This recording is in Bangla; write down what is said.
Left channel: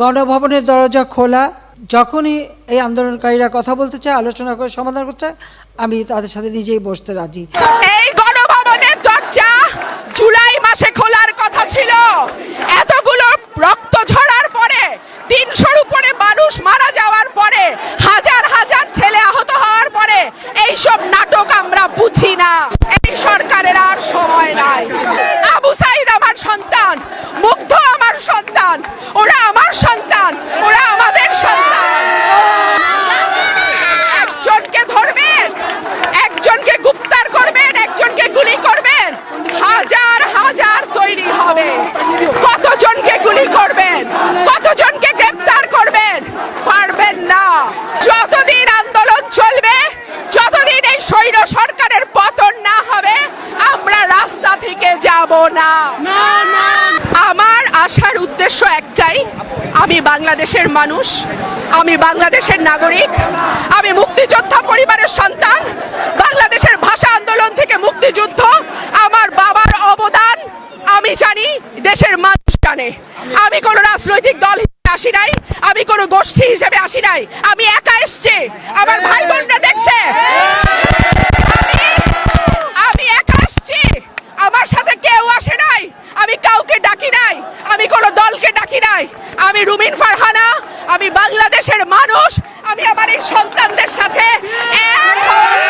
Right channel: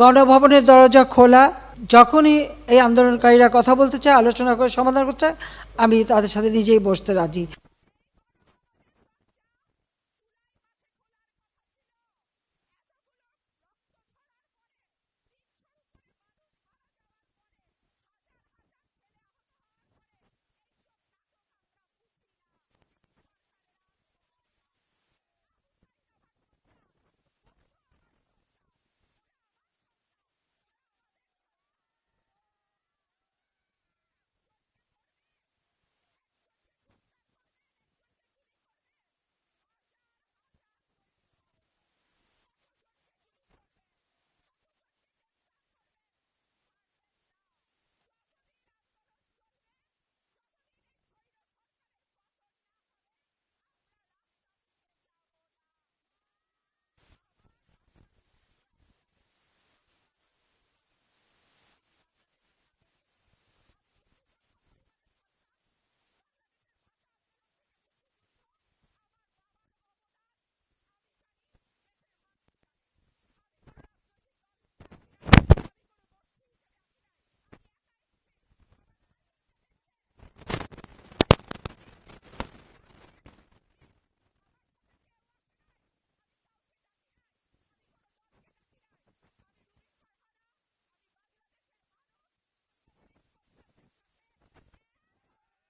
গণভবনের দরজা খোলা। যখনই এই আন্দোলনকারীরা কথা বলতে চায়, আলোচনা করে সমাধান করতে চায়, আমি তাদের সাথে নিজেই বসতে রাজি। এই গণভবনের দরজা জুলাই মাসে খোলার কথা ছিল। এতগুলো রক্ত ঝরার পরে, 300-র উপরে মানুষ মারা যাওয়ার পরে, হাজার হাজার ছেলে আহত হওয়ার পরে এইসব নাটক আমরা বুঝি না। এই সরকারের আর সময় নাই। আবু সাইদ আমার সন্তান, মুগ্ধ আমার সন্তান, ওরা আমার সন্তান, ওরা আমাদের সন্তান। একজনকে ধরবেন, একজনকে গ্রেফতার করবেন, একজনকে গুলি করবেন, হাজার হাজার তৈরি হবে। কতজনকে গুলি করবেন, কতজনকে গ্রেফতার করবেন? পারবেন না। যতদিন আন্দোলন চলবে, যতদিন এই স্বৈর সরকারের পতন না হবে, আমরা রাস্তা থেকে যাব না। আমার আসার উদ্দেশ্য একটাই, আমি বাংলাদেশের মানুষ, আমি বাংলাদেশের নাগরিক, আমি মুক্তিযোদ্ধা পরিবারের সন্তান। বাংলাদেশের ভাষা আন্দোলন থেকে মুক্তিযুদ্ধ, আমার বাবার অবদান আমি জানি, দেশের মানুষ জানে। আমি কোনো রাজনৈতিক দল হিসেবে আসি নাই, আমি কোনো গোষ্ঠী হিসেবে আসি নাই, আমি একা এসছি। আমার ভাই বোনরা দেখছে আমি একা এসছি, আমার সাথে কেউ আসে নাই, আমি কাউকে ডাকি নাই, আমি কোনো দলকে ডাকি নাই। আমি রুমিন ফারহানা, আমি বাংলাদেশের মানুষ, আমি আমার এই সন্তানদের সাথে এক হওয়ার